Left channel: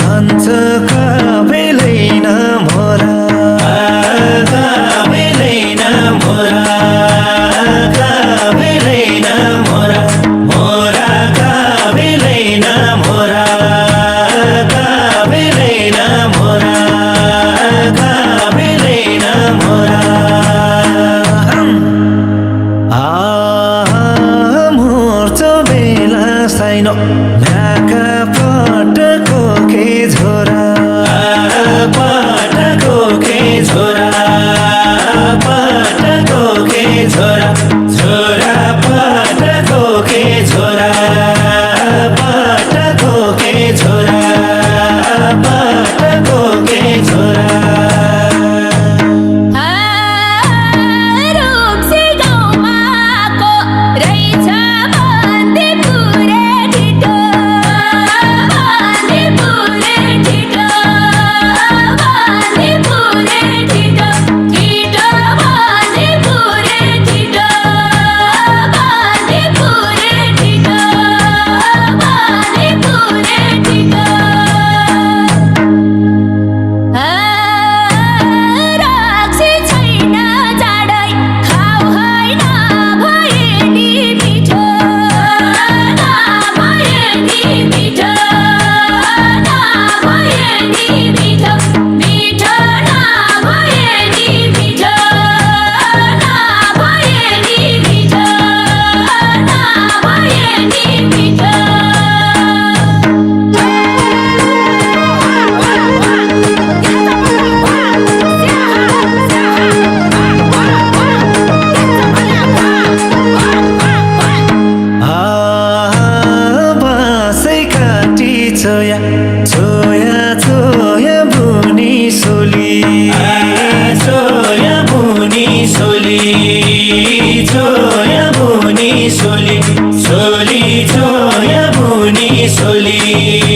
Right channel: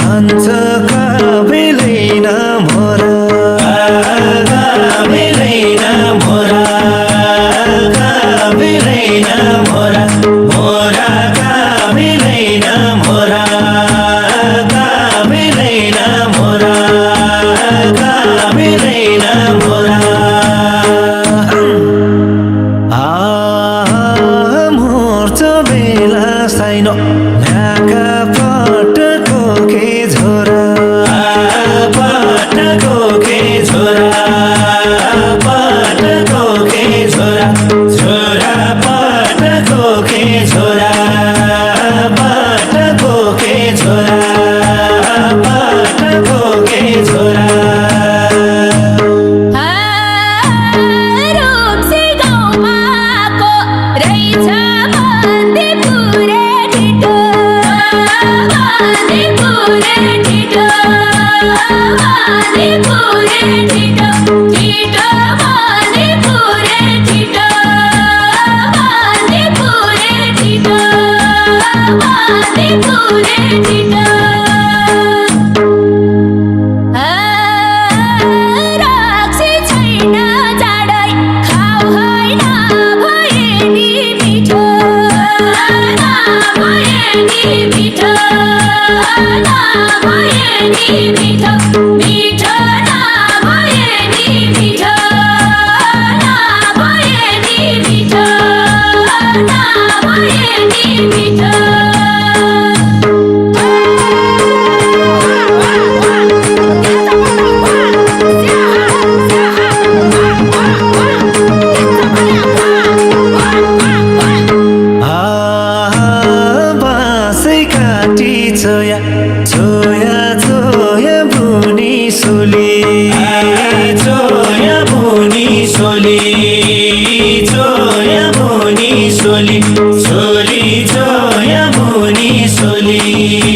हान्छ काबेलैन मोरा काबेलैन मोरा काबेलैन मोरा मोरा काबेलैन मोरा काबेलैन मोरा काबेलैन मोरा मोर्च बेला साइनो नाका पटको के झोरा पटको के झोरा पटको के झोरा झोरा पटको के झोरा पटको के झोरा पटको के झोरा Zoya, Zoya, Zoya, Buni Soli, Zoya, Buni Soli, Zoya, Buni Soli, Soli, Zoya, Buni Soli.